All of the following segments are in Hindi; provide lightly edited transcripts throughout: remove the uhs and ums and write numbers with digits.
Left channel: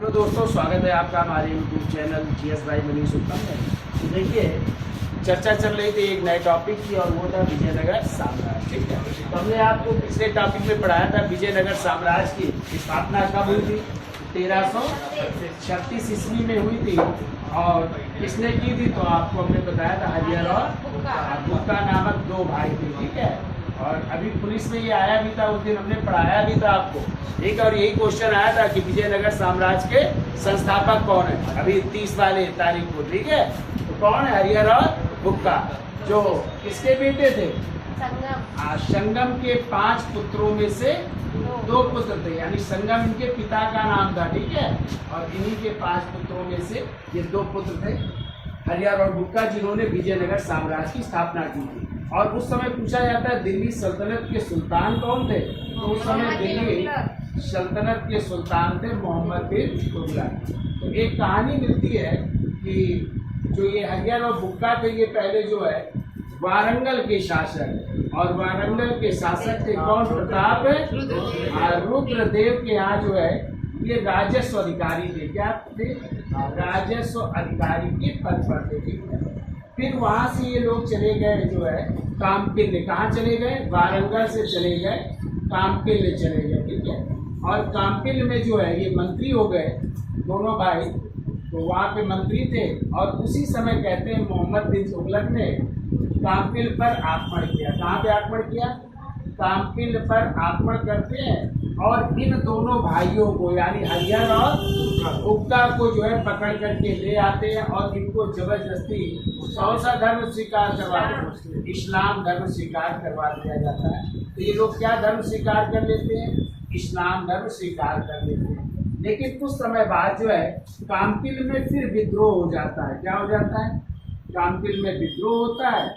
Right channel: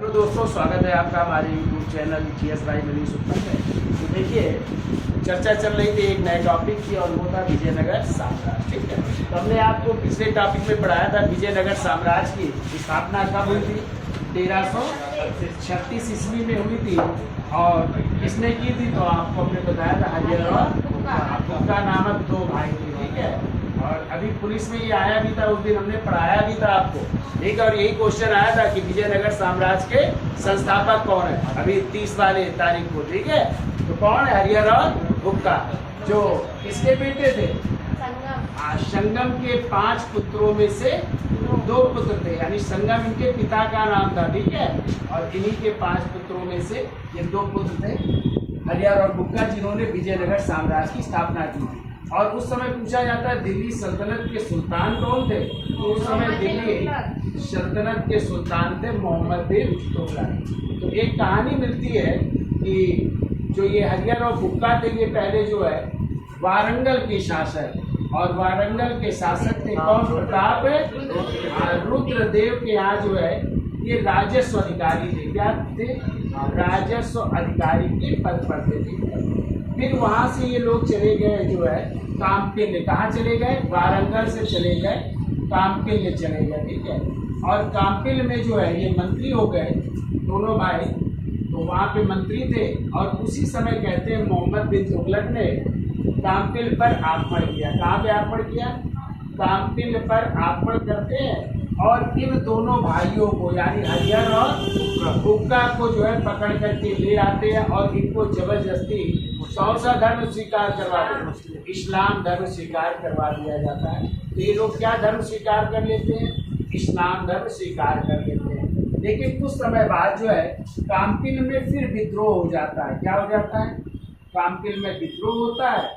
हेलो दोस्तों, स्वागत है आपका हमारे यूट्यूब चैनल जीएस भाई मनीष उत्तम में। तो देखिए, चर्चा चल रही थी एक नए टॉपिक की और वो था विजयनगर साम्राज्य। ठीक है, तो हमने आपको पिछले टॉपिक में पढ़ाया था विजयनगर साम्राज्य की स्थापना कब हुई थी। 1336 ईस्वी में हुई थी। और किसने की थी तो आपको हमने बताया था हरिहर और बुक्का नामक दो भाई थे। ठीक है, और अभी पुलिस में ये आया भी था, उस दिन हमने पढ़ाया भी था आपको एक, और यही क्वेश्चन आया था कि विजयनगर साम्राज्य के संस्थापक कौन है अभी 30 वाले तारीख को। ठीक है, तो कौन है, हरिहर और बुक्का, जो किसके बेटे थे, संगम के 5 पुत्रों में से 2 पुत्र थे, यानी संगम इनके पिता का नाम था। ठीक है, और इन्हीं के 5 पुत्रों में से ये 2 पुत्र थे, हरिहर और बुक्का, जिन्होंने विजयनगर साम्राज्य की स्थापना की थी। और उस समय पूछा जाता है दिल्ली सल्तनत के सुल्तान कौन थे, तो उस समय दिल्ली सल्तनत के सुल्तान थे मोहम्मद बिन तुगलक। तो एक कहानी मिलती है कि जो ये हरिहर और बुक्का थे, ये पहले जो है वारंगल के शासक, और वारंगल के शासक थे कौन, प्रताप रुद्रदेव के यहाँ जो है ये राजस्व अधिकारी थे। क्या थे, राजस्व अधिकारी के पद पर थे। ठीक है, फिर वहां से ये लोग चले गए जो है कामपिल्ले। कहाँ चले गए, वारंगल से चले गए कामपिल्ले चले गए। ठीक है, और कामपिल्ले में जो है ये मंत्री हो गए दोनों भाई, तो वहाँ पे मंत्री थे। और उसी समय कहते हैं मोहम्मद बिन तुगलक ने कामपिल्ले पर आक्रमण किया। कहाँ पे आक्रमण किया, कामपिल्ले पर आक्रमण करते हैं और इन दोनों भाइयों को यानी हरिहर और बुक्का को जो है पकड़ करके ले आते हैं और इनको जबरदस्ती कौन सा धर्म स्वीकार करवाते हैं, इस्लाम धर्म स्वीकार करवा दिया जाता है। तो ये लोग क्या धर्म स्वीकार कर लेते हैं, इस्लाम धर्म स्वीकार कर लेते हैं। लेकिन कुछ समय बाद जो है कामपिल्ले में फिर विद्रोह हो जाता है। क्या हो जाता है, कामपिल्ले में विद्रोह होता है।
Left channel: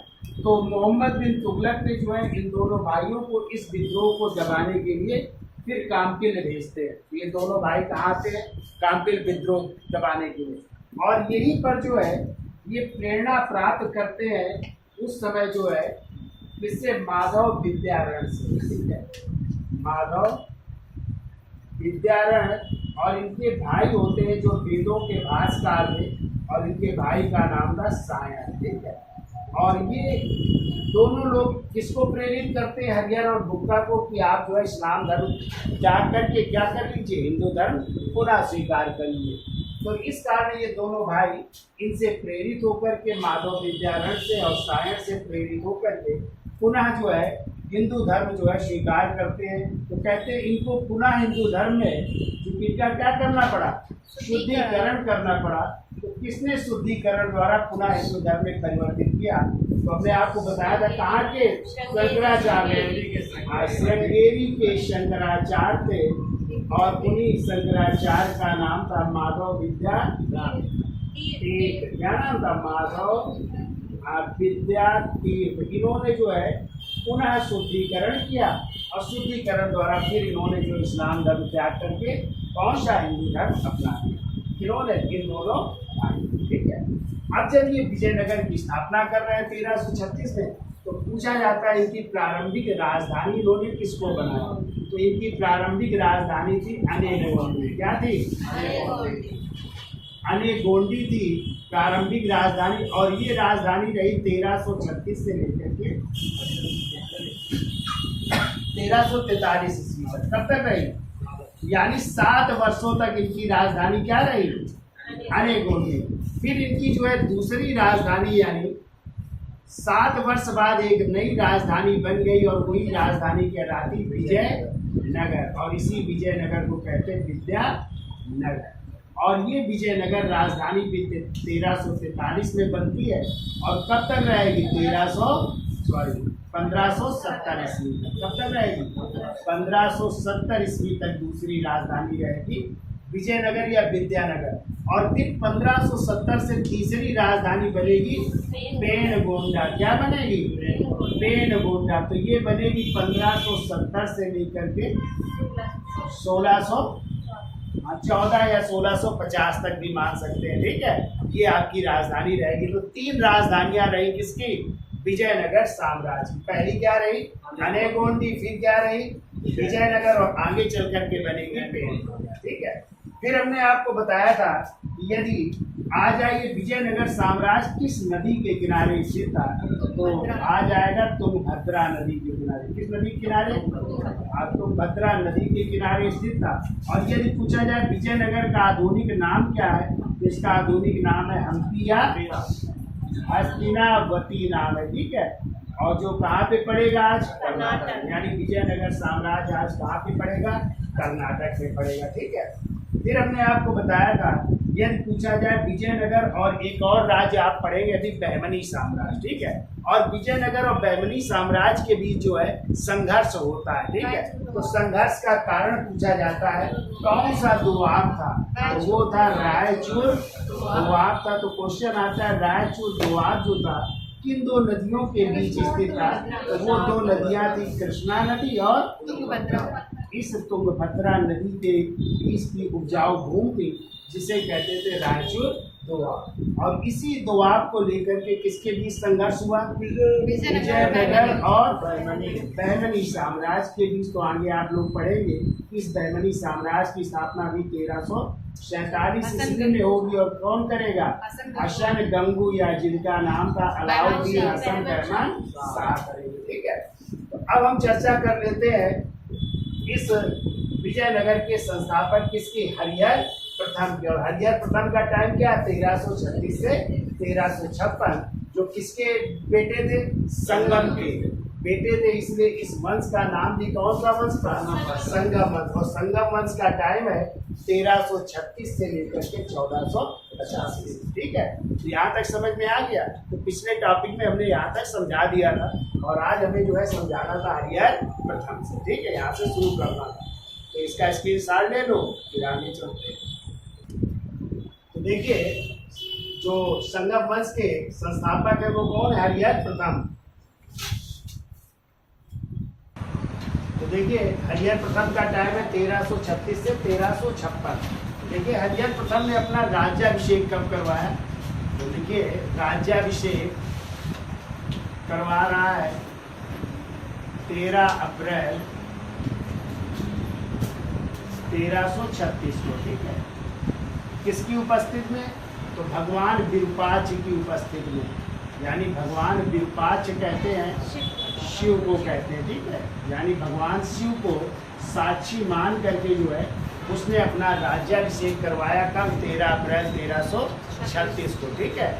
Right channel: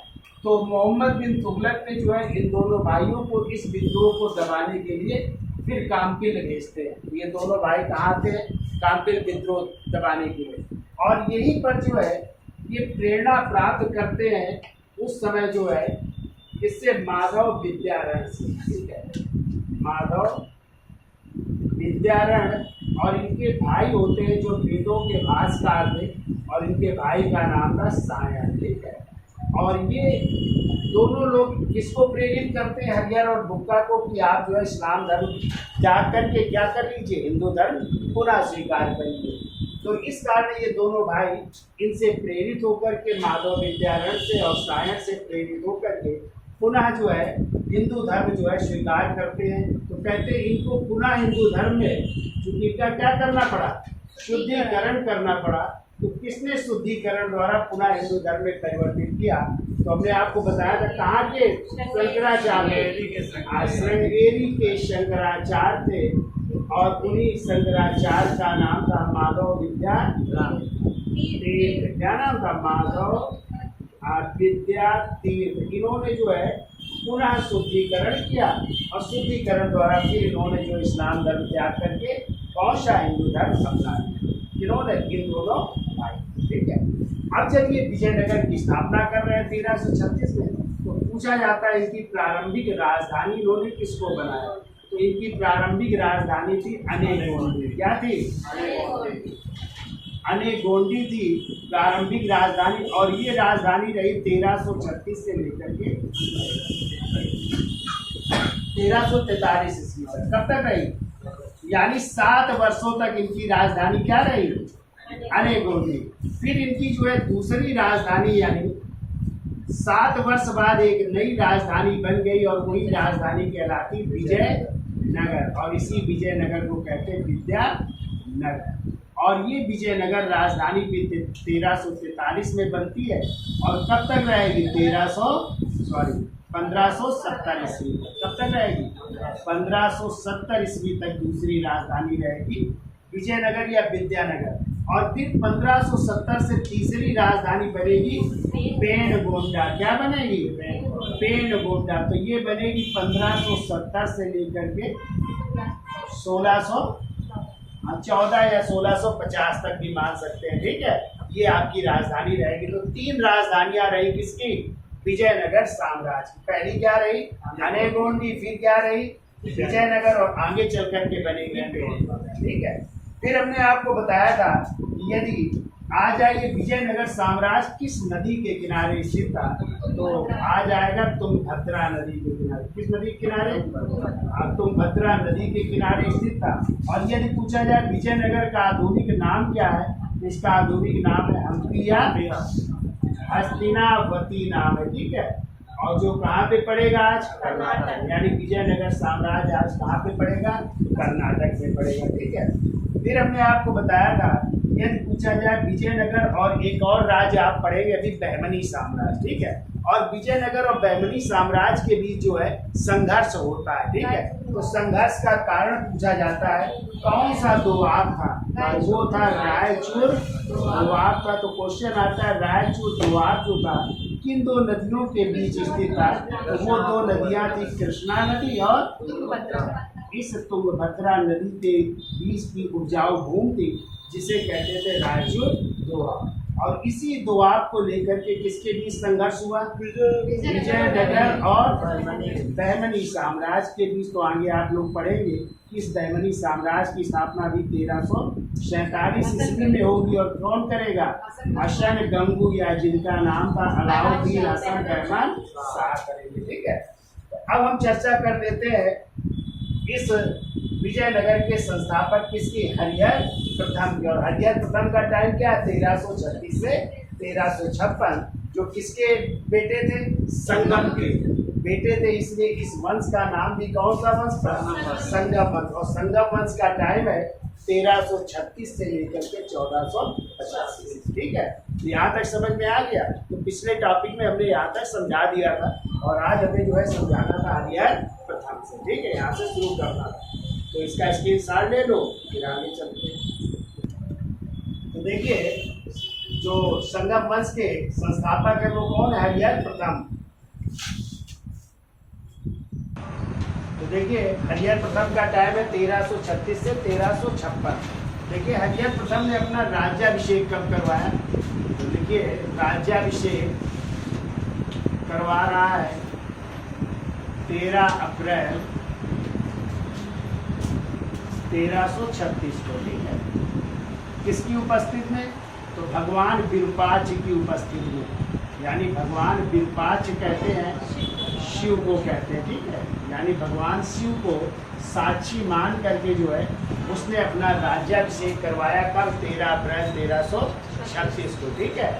तो मोहम्मद बिन तुगलक ने जो है इन दोनों भाइयों को इस विद्रोह को दबाने के लिए फिर कामपिल्ले भेजते हैं। तो ये दोनों भाई कहाँ आते हैं, कामपिल्ले विद्रोह दबाने के लिए। और यहीं पर जो है ये प्रेरणा प्राप्त करते हैं उस समय जो है किससे, माधव विद्यारण से। ठीक है, माधव विद्यारण और इनके भाई होते हैं जो वेदों के भाष्यकार थे, और इनके भाई का नाम था सायन। ठीक है, और ये दोनों लोग किसको प्रेरित करते हैं, हरिहर और बुक्का को, कि आप जो है इस्लाम धर्म त्याग करके क्या कर लीजिए, हिंदू धर्म पुनः स्वीकार करिए। तो इस कारण ये दोनों भाई इनसे प्रेरित होकर के, माधव विद्यारण से और सायन से प्रेरित होकर के पुनः जो है हिंदू धर्म जो है स्वीकार करते हैं। तो कहते हैं इनको पुनः हिंदू धर्म में चूंकि क्या करना पड़ा, शुद्धिकरण करना पड़ा। तो किसने शुद्धिकरण द्वारा पुनः हिंदू धर्म में परिवर्तित किया, तो हमने आपको बताया था कहाँ के, शंकराचार्य, श्रृंगेरी के शंकराचार्य थे, और उन्हीं शंकराचार्य का नाम था माधव विद्या तीर्थ। क्या नाम था, माधव विद्या तीर्थ। इन्होंने जो है पुनः शुद्धिकरण किया, और शुद्धिकरण द्वारा फिर इन्होंने जो इस्लाम धर्म त्याग करके कौन सा हिंदू धर्म अपना लिया, इन्होंने इन दोनों भाई। ठीक है, अब जब ये विजयनगर की स्थापना कर रहे हैं 1336 में, तो पूछा जाता है इनकी प्रारंभिक राजधानी इन्होंने किसको बनाया, तो इनकी प्रारंभिक राजधानी थी अनेगोंडी। क्या थी, अनेगोंडी थी प्रारंभिक राजधानी। और ये राजधानी रही 1336 से लेकर के 1343 ईस्वी तक। कब तक रही, यानी 7 वर्षों तक इनकी राजधानी क्या रही, अनेगोंडी। फिर इनकी जो है दूसरी राजधानी, यानी 7 वर्ष बाद एक नई राजधानी बन गई, और वही राजधानी कहलाती विजयनगर। और इसी विजयनगर को कहते हैं विद्यानगर। और ये विजयनगर राजधानी भी 1343 में बनती है, और कब तक रहेगी, 1570 ईस्वी तक। कब तक रहेगी, 1570 ईस्वी तक दूसरी राजधानी रहेगी विजयनगर या विद्यानगर। और फिर 1570 से तीसरी राजधानी बनेगी पेनगोंडा। क्या बनेगी, पेनगोंडा। तो ये बनेगी 1570 से लेकर के 14 या 1650 तक भी मान सकते हैं। ठीक है, ये आपकी राजधानी रहेगी। तो 3 राजधानियां रही किसकी, विजयनगर साम्राज्य की। पहली क्या रही, अनेगोंडी, फिर क्या रही विजयनगर, और आगे चल करके बनेगी पेन। ठीक है, फिर हमने आपको बताया था कि यदि आ जाइए विजयनगर साम्राज्य किस नदी के किनारे स्थित था, तो आ जाएगा तुंगभद्रा नदी के किनारे। किस नदी के किनारे? तुंगभद्रा नदी के किनारे स्थित था। और यदि पूछा जाए विजयनगर का आधुनिक नाम क्या है, इसका आधुनिक नाम है हम्पी या हस्तिनावती नाम है, ठीक है। और जो कहाँ पे पड़ेगा आज? कर्नाटक। यानी विजयनगर साम्राज्य आज कहाँ पे पड़ेगा? कर्नाटक में पड़ेगा, ठीक है। फिर हमने आपको बताया था यदि पूछा जाए विजयनगर और एक और राज्य आप पढ़ेंगे अभी, बहमनी साम्राज्य, ठीक है। और विजयनगर और बहमनी साम्राज्य के बीच जो है संघर्ष होता है, ठीक है। तो संघर्ष का कारण पूछा जाता है कौन सा दोआब था, तो वो था रायचूर दोआब था। तो क्वेश्चन आता है रायचूर दोआब जो था किन दो नदियों के बीच स्थित था, तो वो दो नदियां थी कृष्णा नदी और तुंगभद्रा। इस तुंगभद्रा नदी के बीच की उपजाऊ भूमि थी जिसे कहते थे रायचूर दोआब। और इसी दोआब को लेकर के किसके बीच संघर्ष हुआ? विजयनगर और बहमनी साम्राज्य के बीच। तो आगे आप लोग पढ़ेंगे कि इस बहमनी साम्राज्य की स्थापना भी 1347 ईस्वी में होगी। और कौन करेगा? हसन गंगू, या जिनका नाम था अलाउद्दीन हसन रहमान शाह करेंगे, ठीक है। तो अब हम चर्चा कर लेते हैं इस विजयनगर के संस्थापक किसकी? हरिहर प्रथम की। और हरिहर प्रथम का टाइम क्या? 1336 से 1356। जो किसके बेटे थे? संगम के बेटे थे, इसलिए इस वंश का नाम भी कौन सा वंश था? संगम वंश। और संगम वंश का टाइम है 1336 से लेकर के 1485, ठीक है। तो यहाँ तक समझ में आ गया। तो पिछले टॉपिक में हमने यहाँ तक समझा दिया था और आज हमें जो है समझाना था हरिहर प्रथम से, ठीक है। यहाँ से शुरू करना था, तो इसका स्क्रीनशॉट ले लो, फिर आगे चलते हैं। तो देखिए जो संगम वंश के संस्थापक है वो कौन है? हरिहर प्रथम। तो देखिए हरिहर प्रथम का टाइम है 1336 से 1356। देखिए हरिहर प्रथम ने अपना राज्याभिषेक कब करवाया? तो देखिए राज्याभिषेक करवा रहा है 13 अप्रैल 1336 को, ठीक है। किसकी उपस्थिति में? तो भगवान विरूपाक्ष की उपस्थिति में। यानी भगवान विरूपाक्ष कहते हैं शिव को कहते हैं, ठीक है। यानी भगवान शिव को साक्षी मान करके जो है उसने अपना राज्याभिषेक करवाया कब? 13 अप्रैल 1336 को, ठीक है।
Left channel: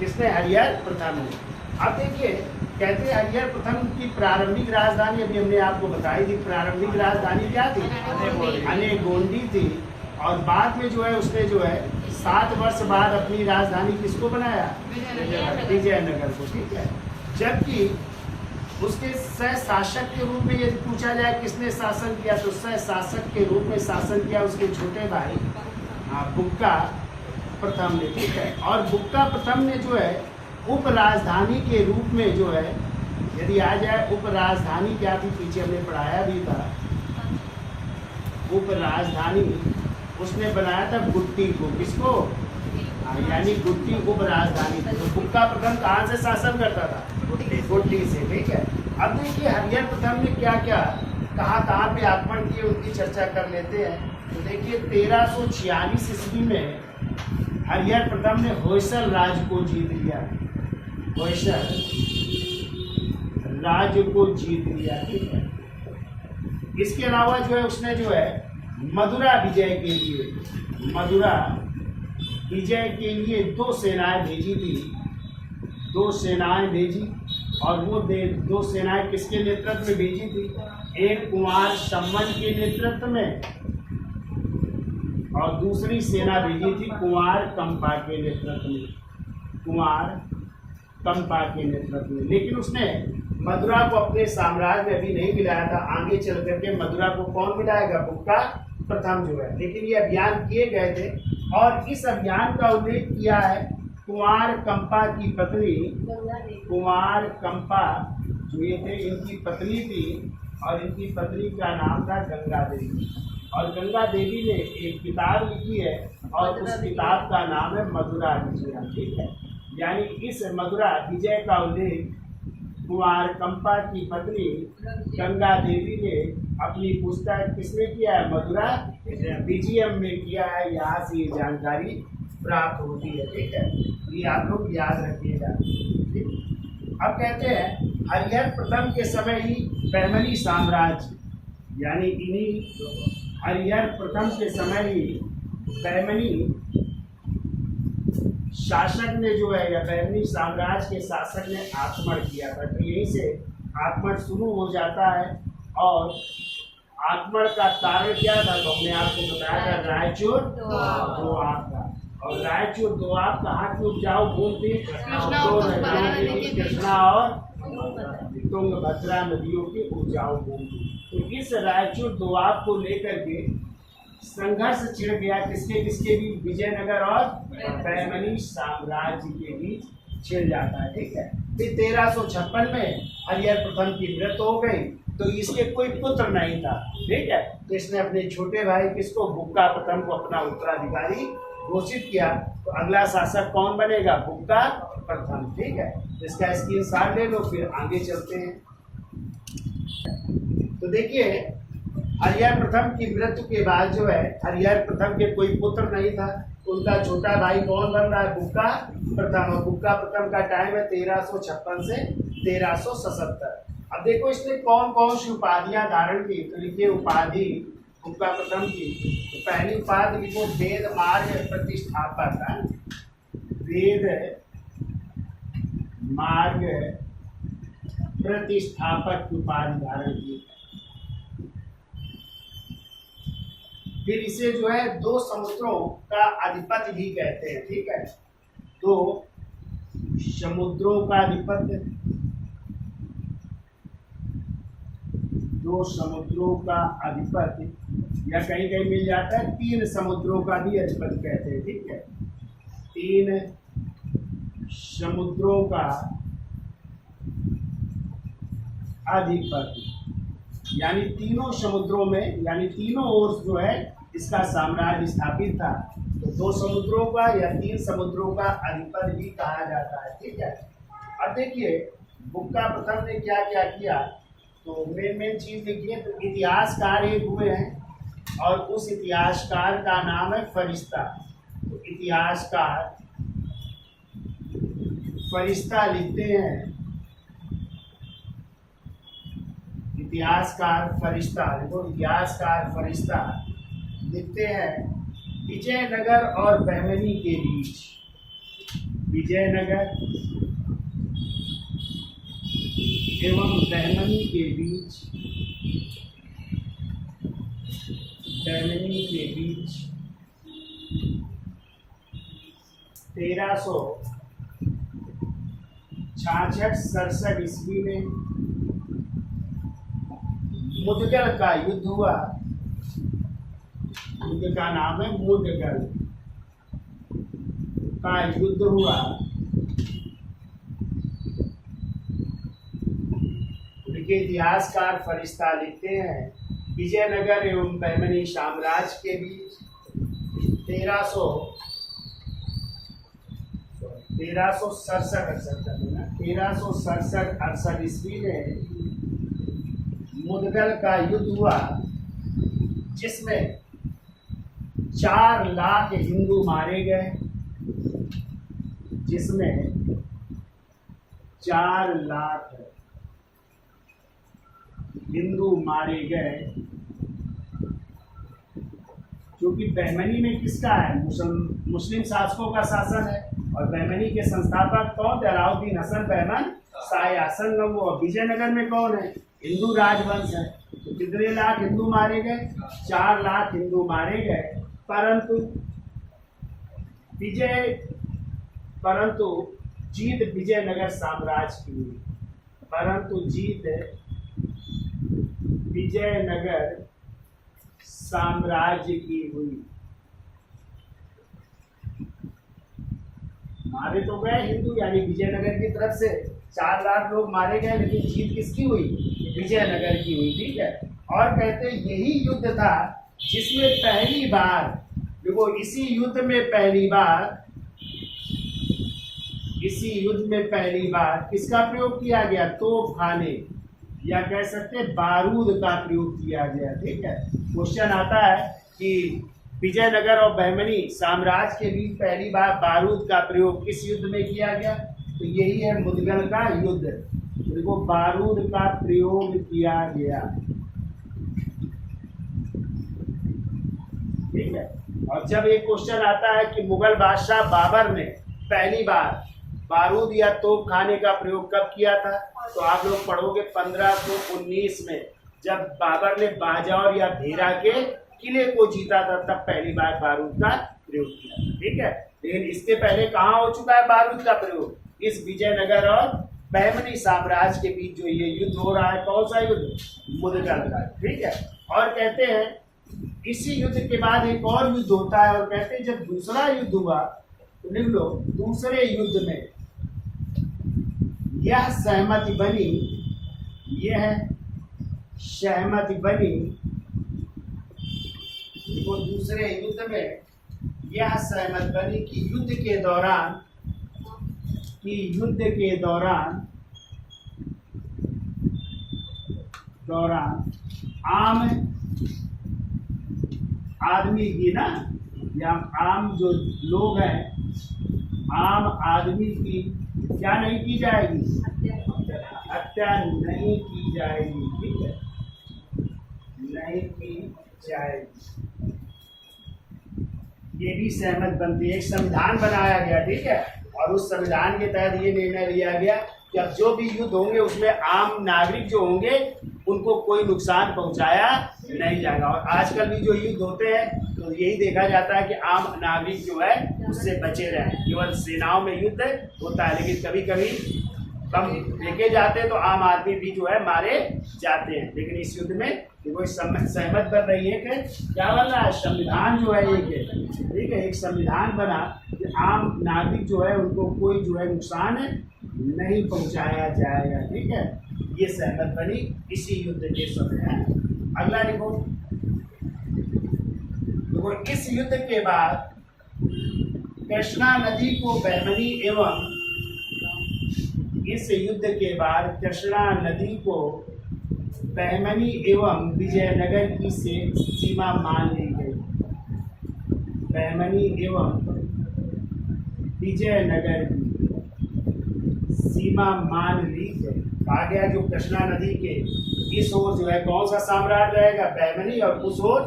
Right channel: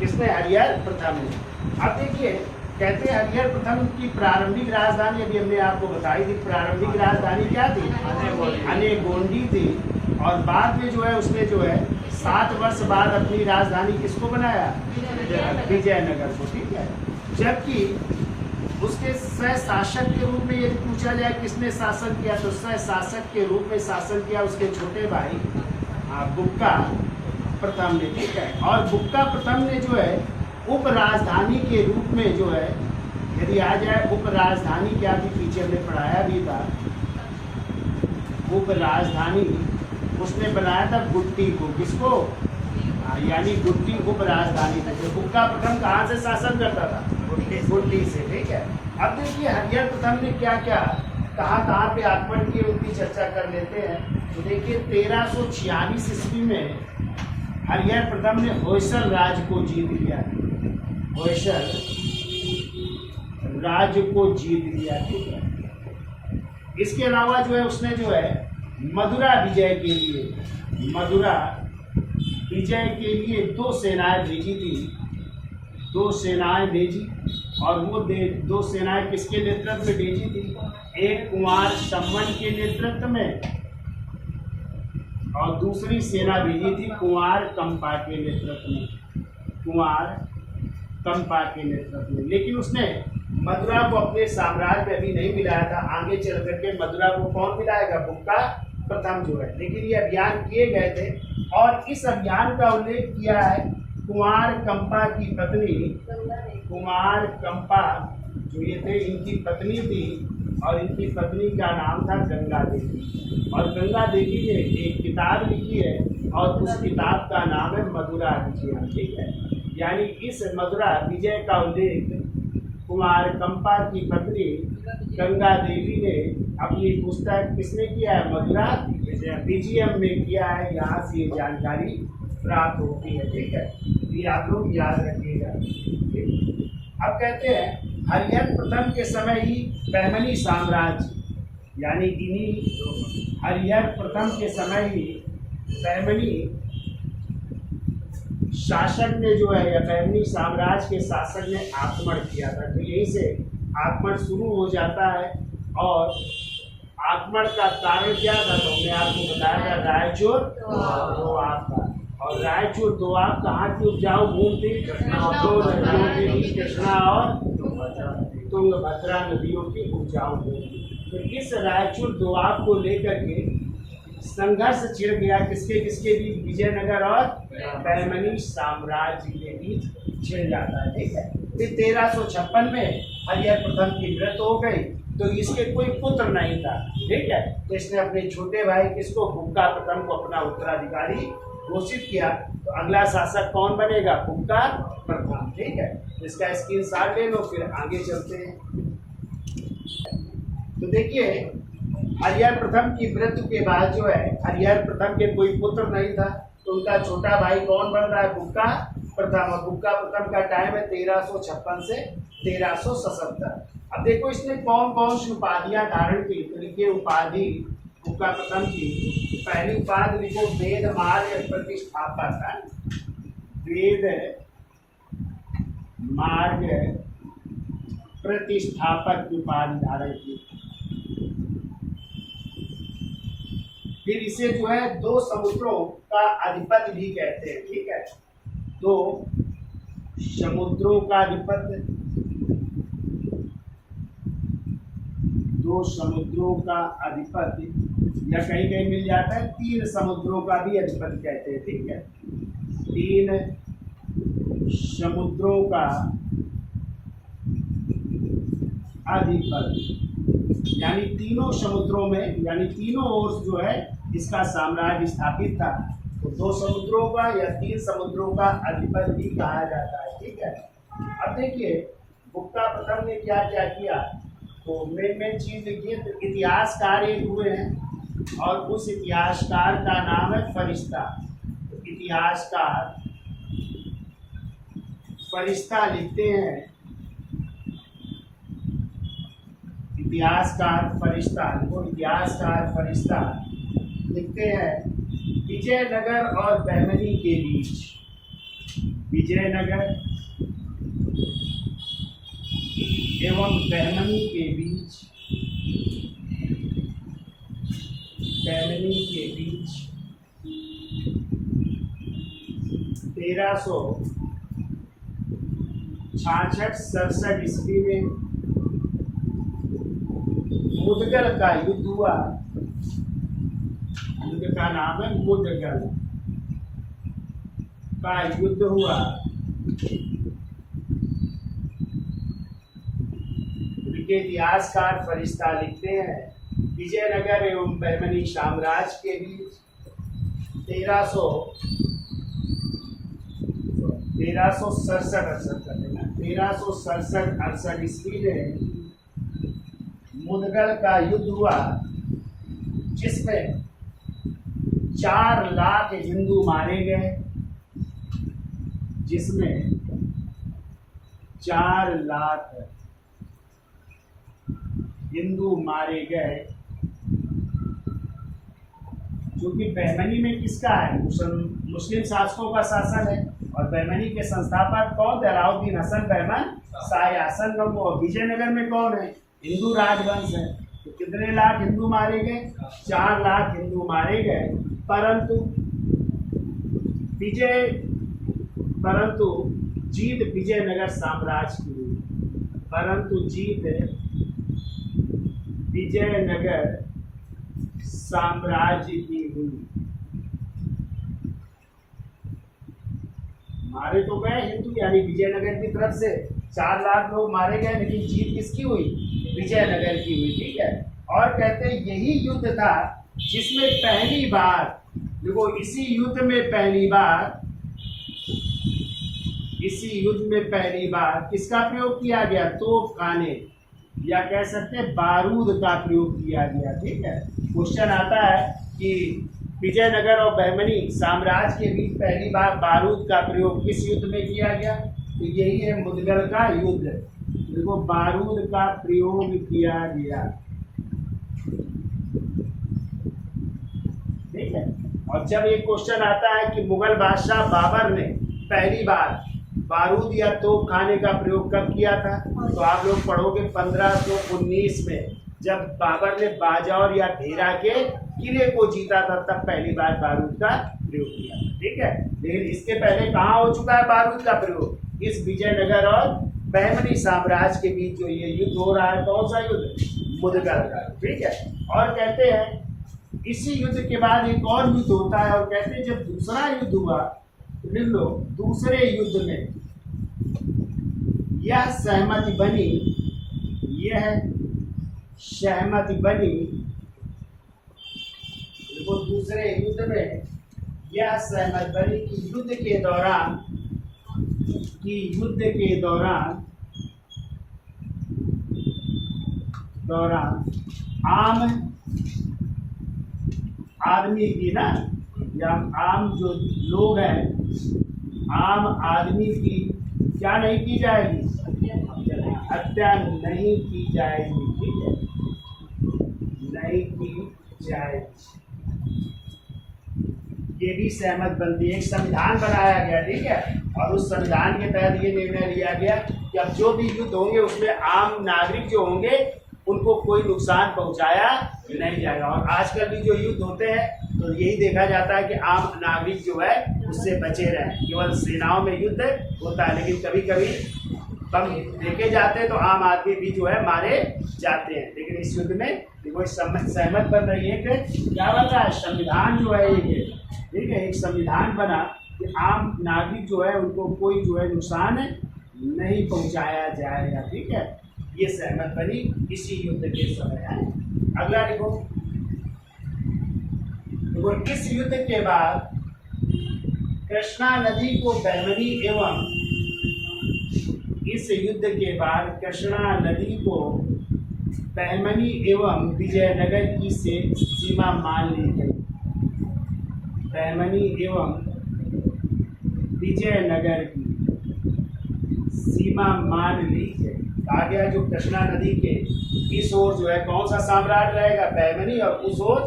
किसने? हरिहर प्रथम ने। अब देखिए कहते हैं हरिहर प्रथम की प्रारंभिक राजधानी अभी हमने आपको बताई थी। प्रारंभिक राजधानी क्या थी? अनेगोंडी थी। और बाद में जो है उसने जो है 7 वर्ष बाद अपनी राजधानी किसको बनाया? विजयनगर को, ठीक है। जबकि उसके सह शासक के रूप में यदि पूछा जाए किसने शासन किया, तो सह शासक के रूप में शासन किया उसके छोटे भाई बुक्का प्रथम ने, ठीक है। और बुक्का प्रथम ने जो है उप राजधानी के रूप में जो है यदि आ जाए उप राजधानी क्या थी, पीछे हमने पढ़ाया भी था। उप राजधानी उसने बनाया था गुट्टी को। किसको? यानी गुट्टी उप राजधानी थी। तो बुक्का प्रथम कहाँ से शासन करता था? गुट्टी से, ठीक है। अब देखिए हरिहर प्रथम ने क्या क्या कहाँ पे आक्रमण किए उनकी चर्चा कर लेते हैं। तो देखिए 1346 ईस्वी में हरिहर प्रथम ने होयसल राज्य को जीत लिया। होयसल राज्य को जीत लिया, ठीक है। इसके अलावा जो है उसने जो है मदुरा विजय के लिए 2 सेनाएं भेजी थी। 2 सेनाएं भेजी और वो 2 सेनाएं किसके नेतृत्व में भेजी थी? एक कुमार सम्मन के नेतृत्व में और दूसरी सेना भेजी थी कुमार कंपा के नेतृत्व में। कुमार कंपा के नेतृत्व में। लेकिन उसने मदुरा को अपने साम्राज्य में अभी नहीं मिलाया था। आगे चल करके मदुरा को कौन मिलाएगा? बुक्का प्रथम जो है। लेकिन ये अभियान किए गए थे और इस अभियान का उल्लेख किया है कुमार कंपा की पत्नी। कुमार कंपा जो ये थे इनकी पत्नी थी और इनकी पत्नी का नाम था गंगा देवी। और गंगा देवी ने एक किताब लिखी है और उस किताब का नाम है मदुरा विजय, ठीक है। यानी इस मदुरा विजय का उल्लेख कुमार कंपा की पत्नी गंगा देवी ने अपनी पुस्तक किसने किया है? मदुरा बीजीएम में किया है, यहाँ से ये जानकारी प्राप्त होती है। ठीक है, ये आप लोग याद रखिएगा। अब कहते हैं हरिहर प्रथम के समय ही बहमनी साम्राज्य, यानी इन्हीं हरिहर प्रथम के समय ही बहमनी शासक ने जो है, या बहमनी साम्राज्य के शासक ने आक्रमण किया था। तो यहीं से आक्रमण शुरू हो जाता है। और आक्रमण का कारण क्या था, तो हमने आपको बताया था रायचूर दोआब का। और रायचूर दोआब कहाँ की उपजाऊ भूमि थी? दो नदियों के बीच, कृष्णा और तुंगभद्रा नदियों की उपजाऊ भूमि। तो इस रायचूर दोआब को लेकर के संघर्ष छिड़ गया, किसके किसके बीच? विजयनगर और बहमनी साम्राज्य के बीच छिड़ जाता है। ठीक है, फिर 1356 में हरिहर प्रथम की मृत्यु हो गई, तो इसके कोई पुत्र नहीं था। ठीक है, तो इसने अपने छोटे भाई किसको, बुक्का प्रथम को अपना उत्तराधिकारी घोषित किया। तो अगला शासक कौन बनेगा? बुक्का प्रथम। ठीक है, इसका स्क्रीनशॉट ले लो, फिर आगे चलते हैं। तो देखिए हरिहर प्रथम की मृत्यु के बाद जो है, हरिहर प्रथम के कोई पुत्र नहीं था, तो उनका छोटा भाई कौन बन रहा है? बुक्का प्रथम। और बुक्का प्रथम का टाइम है 1356 से 1377। अब देखो इसने कौन कौन सी उपाधियां धारण की, तो लिखिए उपाधि बुक्का प्रथम की। पहली उपाधि लिखो वेद मार्ग प्रतिष्ठापक। वेद मार्ग प्रतिष्ठापक की उपाधि धारण की। फिर इसे जो है दो समुद्रों का अधिपति भी कहते हैं। ठीक है, दो समुद्रों का अधिपति, दो समुद्रों का अधिपति, या कहीं कहीं मिल जाता है तीन समुद्रों का भी अधिपति कहते हैं। ठीक है, तीन समुद्रों का अधिपति, यानी तीनों समुद्रों में, यानी तीनों ओर जो है इसका साम्राज्य स्थापित था। तो दो समुद्रों का या तीन समुद्रों का अधिपति भी कहा जाता है। ठीक है, अब देखिए बुक्का प्रथम ने क्या क्या किया, तो मेन चीज देखिए। तो इतिहासकार एक हुए हैं, और उस इतिहासकार का नाम है फरिश्ता। तो इतिहासकार फरिश्ता लिखते हैं, इतिहासकार फरिश्ता, देखो इतिहासकार फरिश्ता लिखते हैं विजयनगर और बहमनी के बीच, विजयनगर एवं बहमनी के बीच, बहमनी के बीच 1366-67 ईस्वी में मुदगल का युद्ध हुआ। युद्ध का नाम है मुदगल का युद्ध हुआ। उनके इतिहासकार फरिश्ता लिखते हैं विजयनगर एवं बहमनी साम्राज्य के बीच 1367-68 ईस्वी में मुदगल का युद्ध हुआ, जिसमें 4 लाख हिंदू मारे गए, जिसमें 4 लाख हिंदू मारे गए। जो कि बहमनी में किसका है? मुस्लिम शासकों का शासन है। और बहमनी के संस्थापक कौन थे? अलाउद्दीन हसन बहमन शाह आसन। और विजयनगर में कौन है? हिंदू राजवंश है। तो कितने लाख हिंदू मारे गए? 4 लाख हिंदू मारे गए। परंतु जीत विजयनगर साम्राज्य की हुई। परंतु जीत विजयनगर साम्राज्य की हुई। मारे तो गए हिंदू, यानी विजयनगर की तरफ से 4 लाख लोग मारे गए, लेकिन जीत किसकी हुई? विजयनगर की हुई। ठीक है, और कहते हैं यही युद्ध था जिसमें पहली बार, देखो इसी युद्ध में पहली बार किसका प्रयोग किया गया? तोपखाने, या कह सकते हैं बारूद का प्रयोग किया गया। ठीक है, क्वेश्चन आता है कि विजयनगर और बहमनी साम्राज्य के बीच पहली बार बारूद का प्रयोग किस युद्ध में किया गया? तो यही है मुदगल का युद्ध। देखो बारूद का प्रयोग किया गया, ठीक है। और जब एक क्वेश्चन आता है कि मुगल बादशाह बाबर ने पहली बार बारूद या तोप खाने का प्रयोग कब किया था, तो आप लोग पढ़ोगे 1519 में, जब बाबर ने बाजौर या भेरा के किले को जीता था, तब पहली बार बारूद का प्रयोग किया था, ठीक है। लेकिन इसके पहले कहाँ हो चुका है बारूद का प्रयोग? इस विजयनगर और बहमनी साम्राज्य के बीच जो ये युद्ध हो रहा है, कौन सा युद्ध? मुदगल का, ठीक है। और कहते हैं इसी युद्ध के बाद एक और युद्ध होता है, और कहते हैं जब दूसरा युद्ध हुआ तो लिख लो, दूसरे युद्ध में यह सहमति बनी, यह सहमति बनी, देखो दूसरे युद्ध में यह सहमति बनी कि युद्ध के दौरान आम आदमी की ना, या आम जो लोग हैं, आम आदमी की क्या नहीं की जाएगी? हत्या नहीं की जाएगी, ठीक है, नहीं की जाएगी। ये भी सहमत बनती है। एक संविधान बनाया गया, ठीक है, और उस संविधान के तहत ये निर्णय लिया गया कि अब जो भी युद्ध होंगे उसमें आम नागरिक जो होंगे उनको कोई नुकसान पहुंचाया नहीं जाएगा। और आजकल भी जो युद्ध होते हैं तो यही देखा जाता है कि आम नागरिक जो है उससे बचे रहें। केवल सेनाओं में युद्ध होता है, लेकिन कभी कभी बम देखे जाते हैं तो आम आदमी भी जो है मारे जाते हैं। लेकिन इस युद्ध में देखो सहमत बन रही है कि क्या बन रहा है? संविधान जो है एक है, ठीक है, एक संविधान बना कि आम नागरिक जो है उनको कोई जो है नुकसान नहीं पहुंचाया जाएगा, ठीक है। ये सहमत बनी इसी युद्ध के समय है। अगला देखो, इस युद्ध के बाद कृष्णा नदी को बहमनी एवं इस युद्ध के बाद कृष्णा नदी को बहमनी एवं विजयनगर की से सीमा मान ली गई। बहमनी एवं विजयनगर की सीमा मान ली गई। कहा गया जो कृष्णा नदी के इस ओर जो है कौन सा साम्राज्य रहेगा? बहमनी, और उस ओर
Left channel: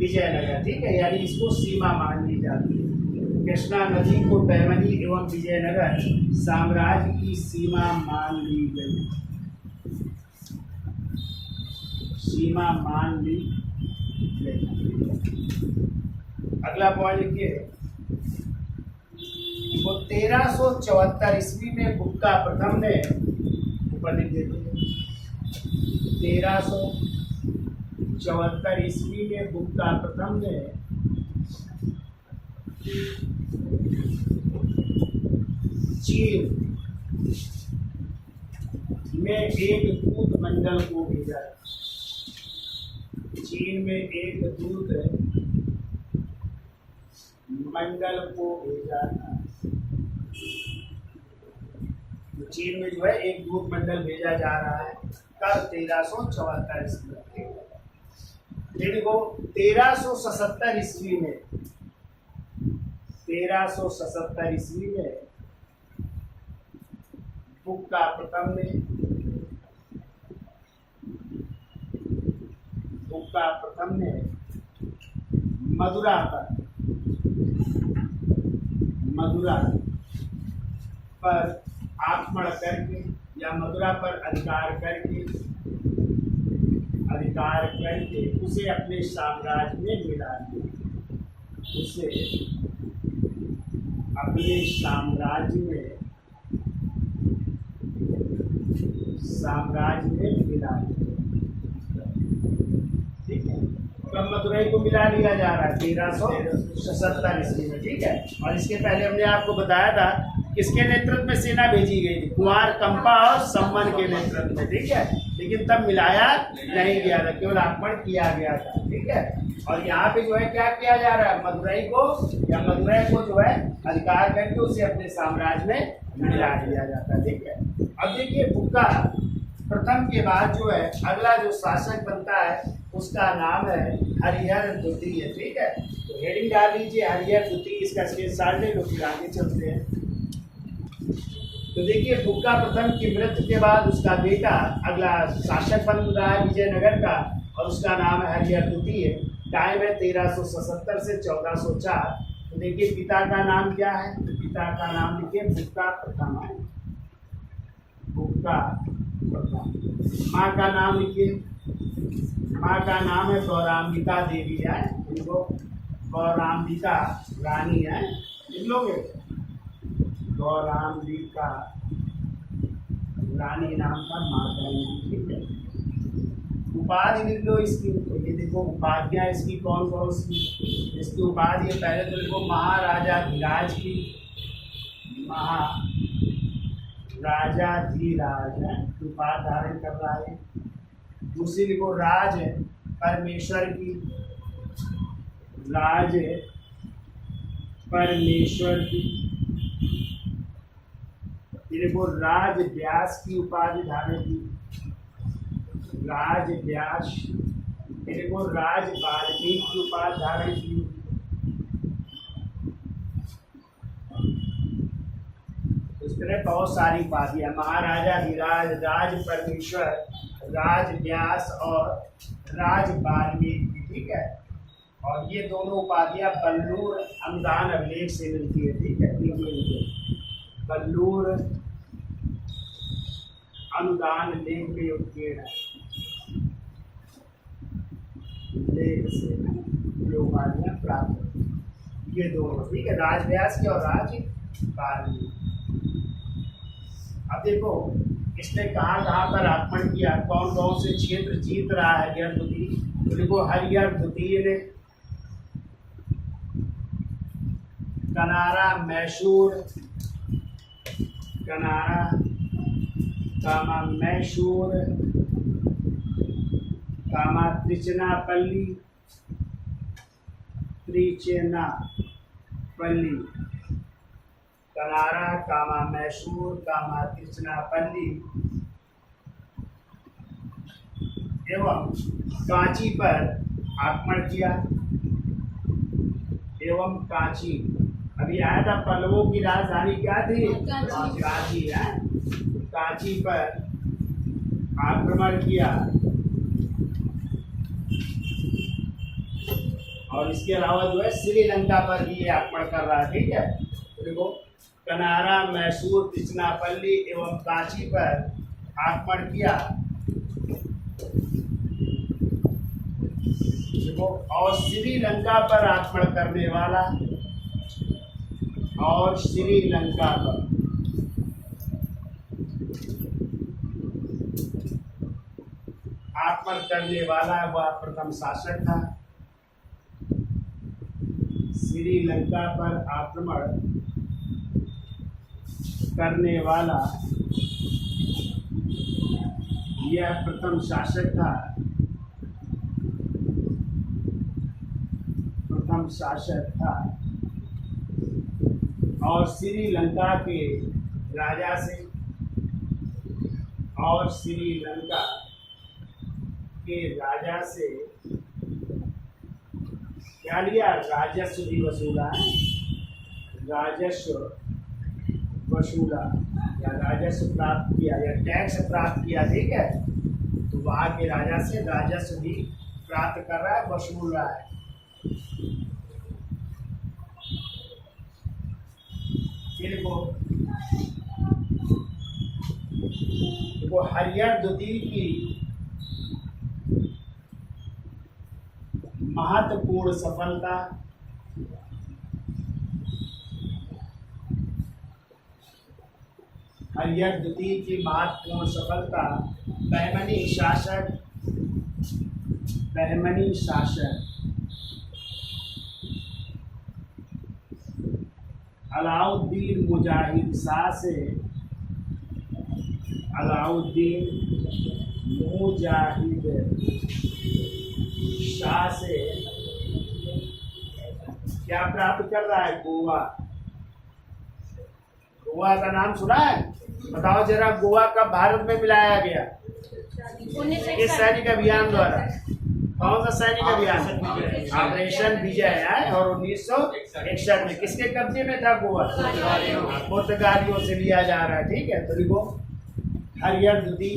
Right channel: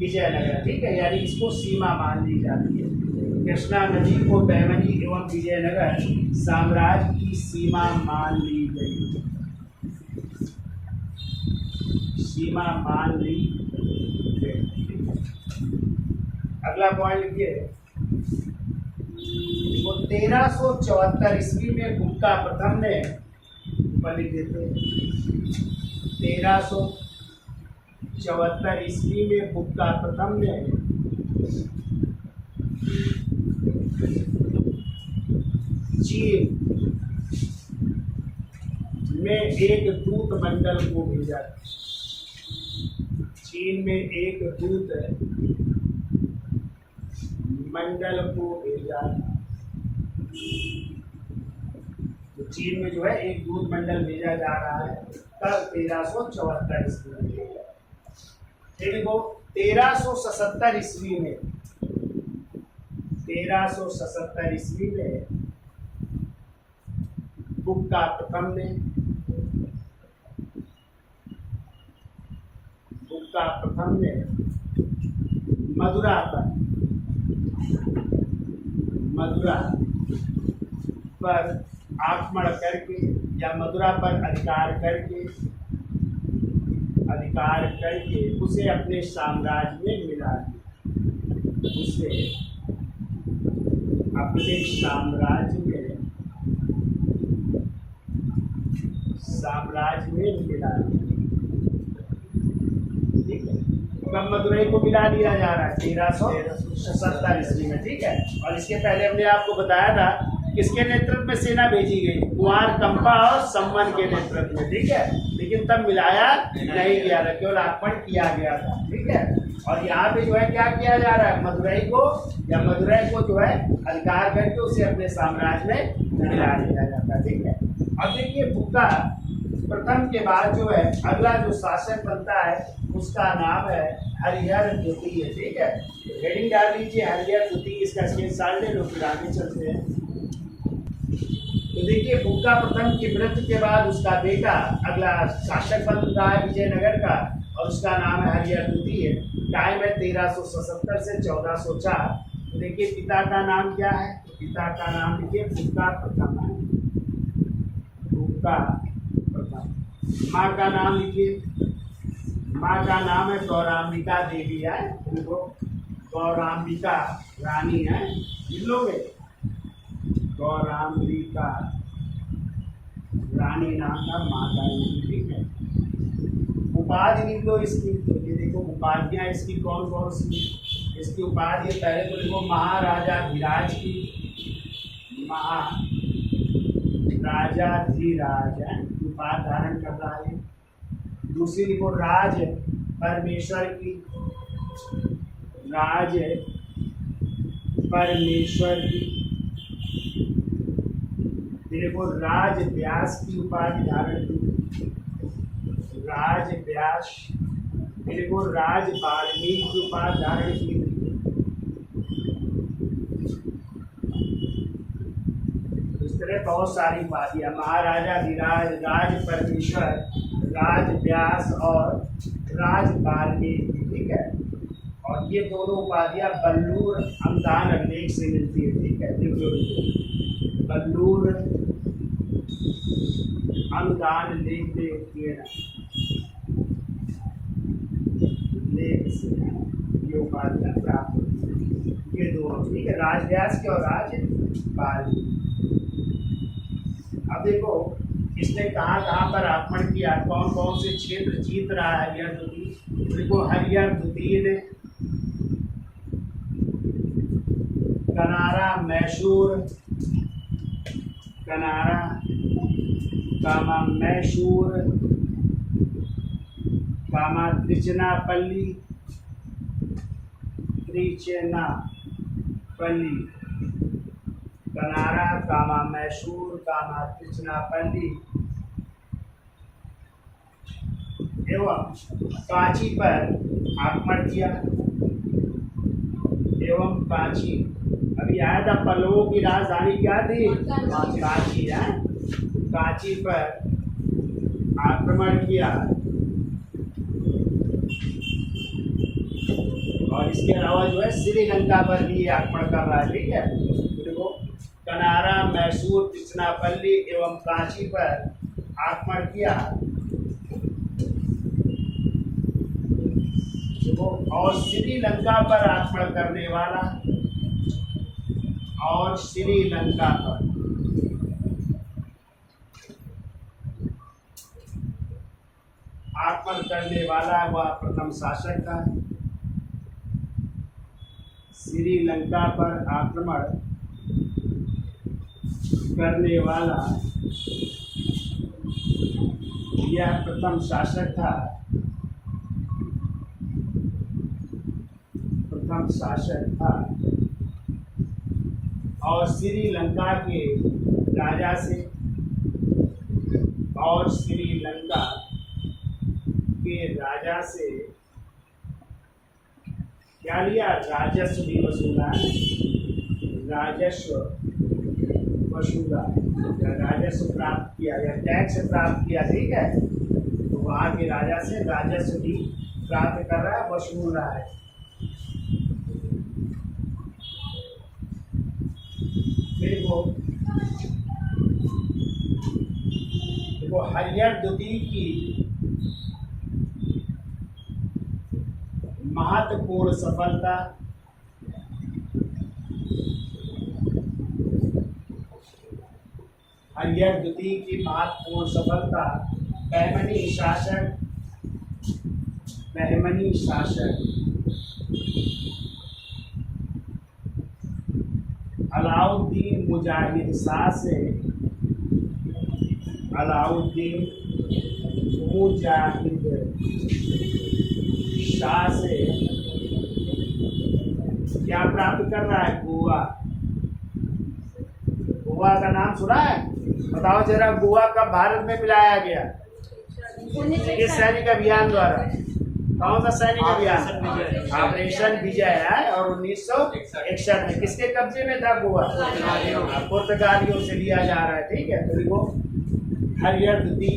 विजयनगर, ठीक है, यानी इसको सीमा मान ली जाती है। कृष्णा नदी को बहमनी एवं विजयनगर साम्राज्य की सीमा मान ली गई, सीमा मान ली गई। अगला पॉइंट लिखिए, 1374 ईस्वी में गुप्ता प्रथम ने, ऊपर लिख देते हैं, 1374 ईस्वी में गुप्ता प्रथम ने चीन में एक दूत मंडल को भेजा। चीन में एक दूत मंडल को भेजा था। तो चीन में जो है एक दूत मंडल भेजा जा रहा है कब? 1374 ईस्वी में। देखो 1377 ईस्वी में, 1377 ईस्वी में गुप्ता प्रथम ने मदुरा पर आक्रमण करके या मदुरा पर अधिकार करके उसे अपने साम्राज्य में मिला दिया। उसे अपने साम्राज्य में मिला दिया, ठीक है। कब मदुरई को मिला लिया जा रहा है? 1377 ईस्वी में, ठीक है। और इसके पहले हमने आपको बताया था किसके नेतृत्व में सेना भेजी गई? कुंवर कंपा और सम्मन के नेतृत्व में, ठीक है। लेकिन तब मिलाया नहीं गया था, केवल आक्रमण किया गया था, ठीक है। और यहाँ पे जो है क्या किया जा रहा है? मदुरई को जो है अधिकार करके उसे अपने साम्राज्य में मिला दिया जाता है, ठीक है। अब देखिए गुप्ता प्रथम के बाद जो है अगला जो शासक बनता है उसका नाम है हरिहर द्वितीय। ठीक है, तो हेडिंग डाल लीजिए हरिहर द्वितीय, इसका स्क्रीनशॉट ले लो, फिर आगे चलते हैं। तो देखिए बुक्का प्रथम की मृत्यु के बाद उसका बेटा अगला शासक बन रहा है विजयनगर का, और उसका नाम है हरिहर द्वितीय। टाइम है 1377 से 1404। तो देखिए पिता का नाम क्या है, तो पिता का नाम देखिए बुक्का प्रथम है, बुक्का प्रथम। माँ का नाम लिखिए, माँ का नाम है गौराम्बिका देवी है, उनको गौराम्बिका रानी है, लिख लोगे गौराम्बिका रानी नाम था माँ का नाम। ठीक है, उपाधि लिख लो इसकी। ये देखो उपाधियाँ इसकी कौन कौन सी, इसकी उपाधि पहले तो लिखो महाराजा धीराज की, महाराजा धीराज है, उपाधि धारण कर रहा है। दूसरी लिखो राज परमेश्वर की, राज परमेश्वर की। देखो राज व्यास की उपाधि धारण की, राज व्यास। देखो राज वाल्मीकि की उपाधि धारण की, इस तरह बहुत सारी उपाधियां, महाराजा धीराज, राज परमेश्वर, राज व्यास और राज वाल्मीकि। ठीक है, और ये दोनों उपाधियां बल्लूर अनुदान अभिलेख से मिलती है। ठीक है, बल्लूर अनुदान लेख में उत्कीर्ण लेख से ये उपाधियां प्राप्त होती है, ये दोनों। ठीक है, राजव्यास की और राज वाल्मीकि। अब देखो इसने कहाँ कहाँ पर आक्रमण किया, कौन कौन से क्षेत्र जीत रहा है हरिहर द्वितीय। देखो हरिहर द्वितीय ने कनारा, मैसूर, कनारा, कामा मैसूर, कामा त्रिचनापल्ली, त्रिचनापल्ली, कनारा, कामा मैसूर, कामा त्रिचनापल्ली एवं कांची पर आक्रमण किया। एवं कांची, अभी आया था पल्लवों की राजधानी क्या थी, कांची है, कांची पर आक्रमण किया। और इसके अलावा जो है श्रीलंका पर भी आक्रमण कर रहा है। ठीक है, देखो कनारा, मैसूर, त्रिचनापल्ली एवं कांची पर आक्रमण किया। देखो और श्रीलंका पर आक्रमण करने वाला, और श्रीलंका पर आक्रमण करने वाला वह प्रथम शासक था। श्रीलंका पर आक्रमण करने वाला यह प्रथम शासक था, प्रथम शासक था। और श्रीलंका के राजा से, और श्रीलंका के राजा से क्या लिया, राजस्व भी वसूला है, राजस्व वसूला या राजस्व प्राप्त किया या टैक्स प्राप्त किया। ठीक है, तो वहाँ के राजा से राजस्व भी प्राप्त कर रहा है, वसूल रहा है। देखो हरिहर द्वितीय की महत्वपूर्ण सफलता, हरिहर द्वितीय की महत्वपूर्ण सफलता, बहमनी शासक, बहमनी शासक अलाउद्दीन मुजाहिद शाह से, अलाउद्दीन मुजाहिद शाह से क्या प्राप्त कर रहा है, गोवा। गोवा का नाम सुना है, बताओ जरा गोवा कब भारत में मिलाया गया, किस सैनिक अभियान द्वारा, कौन सा सैनिक अभियान? ऑपरेशन विजय है। और 1961 में किसके कब्जे में था गोवा? पुर्तगालियों से लिया जा रहा है। ठीक है, तो देखो हरिहर द्वितीय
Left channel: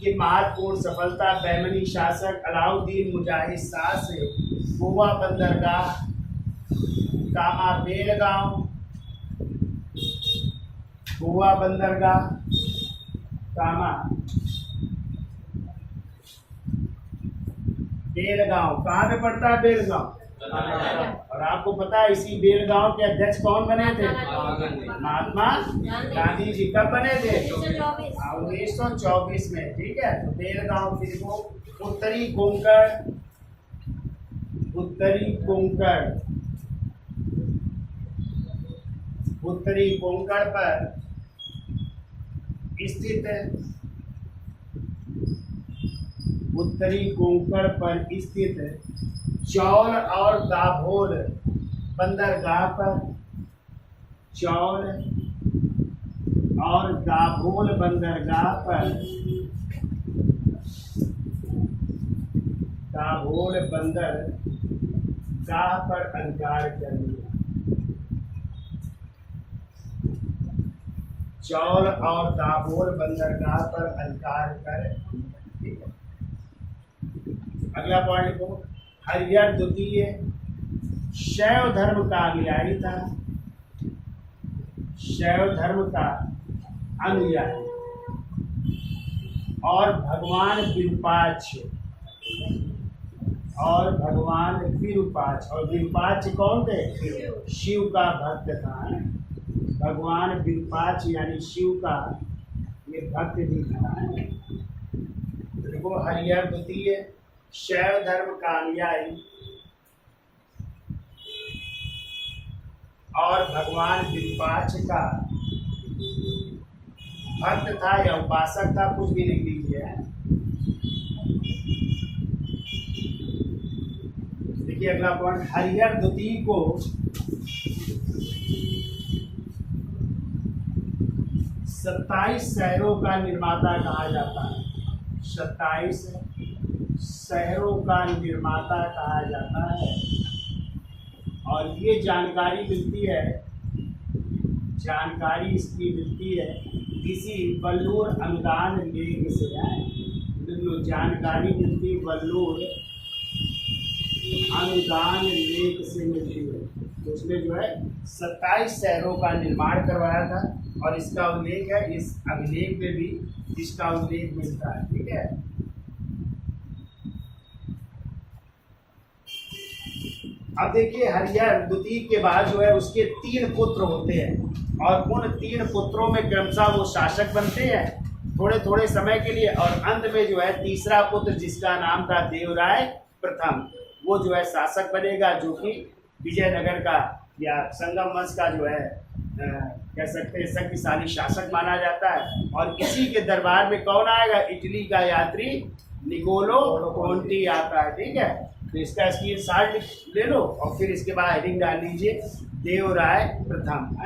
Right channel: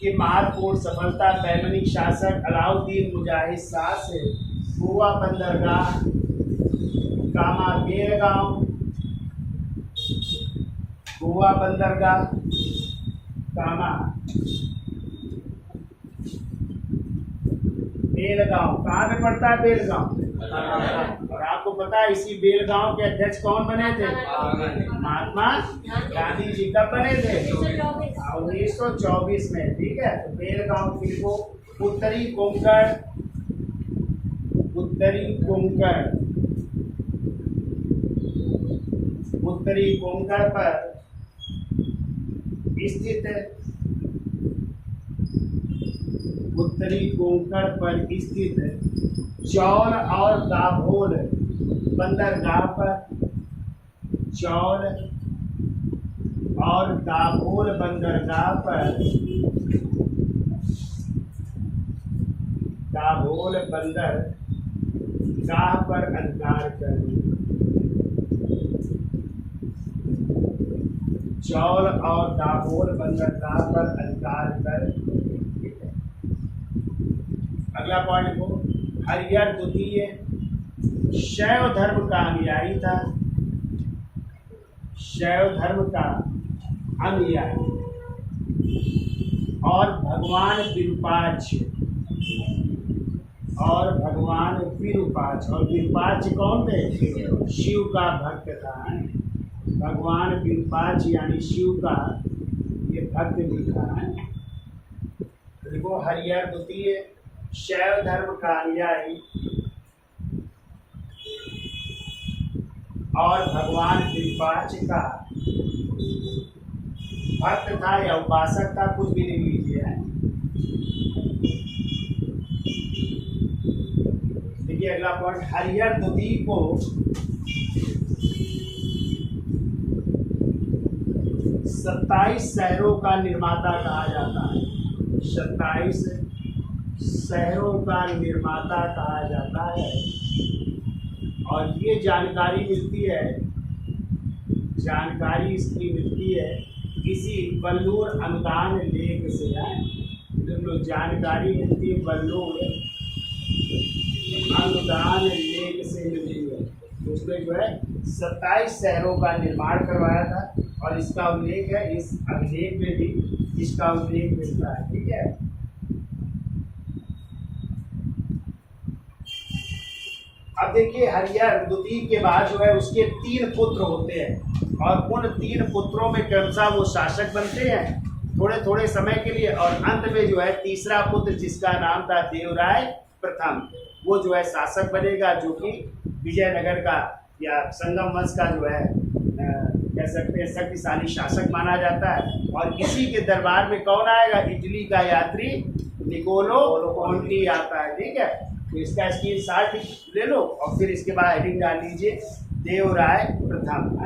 की महत्वपूर्ण सफलता बहमनी शासक अलाउद्दीन मुजाहिद शाह से गोवा बंदरगाह कामा बेलगांव, गोवा बंदरगाह कामा बेलगांव। कहाँ पे पड़ता है बेलगांव? और आपको पता है इसी बेलगांव के अध्यक्ष कौन बने थे? महात्मा गांधी जी। कब बने थे? 1924 में। ठीक है, तो बेलगांव फिर को उत्तरी कोंकण, उत्तरी कोंकण, उत्तरी कोंकण पर स्थित, उत्तरी कोंकण पर स्थित चौल और दाभोल बंदरगाह पर, चौल और दाभोल बंदरगाह पर, दाभोल बंदरगाह पर अधिकार करने, चौल और दाभोल बंदरगाह पर अधिकार कर। अगला पॉइंट लिखो, हरिहर द्वितीय शैव धर्म का अनुयायी था, शैव धर्म का अनुयायी और भगवान विरूपाक्ष, और भगवान विरूपाक्ष, और विरूपाक्ष कौन थे? शिव का भक्त था। भगवान विरूपाक्ष यानी शिव का ये भक्त भी था। देखो हरिहर द्वितीय शैव धर्म का अनुयायी और भगवान विरूपाक्ष का भक्त था या उपासक था, कुछ भी लिख लीजिए। देखिए अगला पॉइंट, हरिहर द्वितीय को 27 शहरों का निर्माता कहा जाता है। 27 शहरों का निर्माता कहा जाता है। और ये जानकारी मिलती है, जानकारी इसकी मिलती है किसी बल्लूर अनुदान लेख से है। जो जानकारी मिलती है बल्लूर अनुदान लेख से मिलती है। तो उसमें जो है 27 शहरों का निर्माण करवाया था और इसका उल्लेख है, इस अभिलेख में भी इसका उल्लेख मिलता है। ठीक है, अब देखिए हरिहर द्वितीय के बाद जो है उसके 3 पुत्र होते हैं और उन 3 पुत्रों में क्रमशः वो शासक बनते हैं थोड़े थोड़े समय के लिए, और अंत में जो है तीसरा पुत्र जिसका नाम था देवराय प्रथम, वो जो है शासक बनेगा, जो कि विजयनगर का या संगम वंश का जो है कह सकते हैं शक्तिशाली शासक माना जाता है। और इसी के दरबार में कौन आएगा? इटली का यात्री निकोलो कोंटी आता है। ठीक है, तो इसका स्क्रीनशॉट ले लो और फिर इसके बाद हेडिंग डाल लीजिए देवराय प्रथम।